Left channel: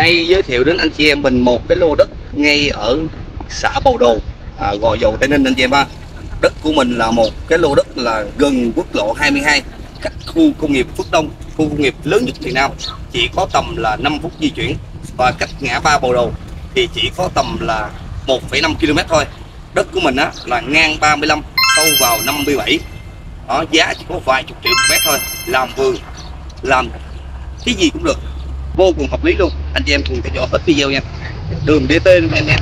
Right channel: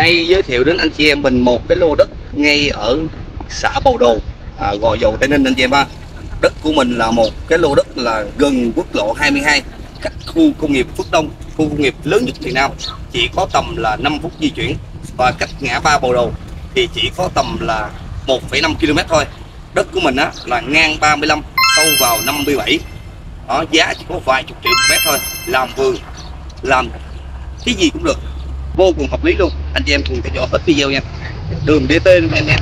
Đây giới thiệu đến anh chị em mình một cái lô đất ngay ở xã Bầu Đồ, Gò Dầu, Tây Ninh anh chị em ha. Đất của mình là một cái lô đất là gần quốc lộ 22, cách khu công nghiệp Phước Đông, khu công nghiệp lớn nhất miền Nam, chỉ có tầm là 5 phút di chuyển, và cách ngã ba Bầu Đồ thì chỉ có tầm là 1,5 km thôi. Đất của mình á là ngang 35, sâu vào 57. Đó, giá chỉ có vài chục triệu một mét thôi, làm vườn, làm cái gì cũng được, vô cùng hợp lý luôn. Anh chị em cùng theo dõi hết video nha. Đường DT anh em.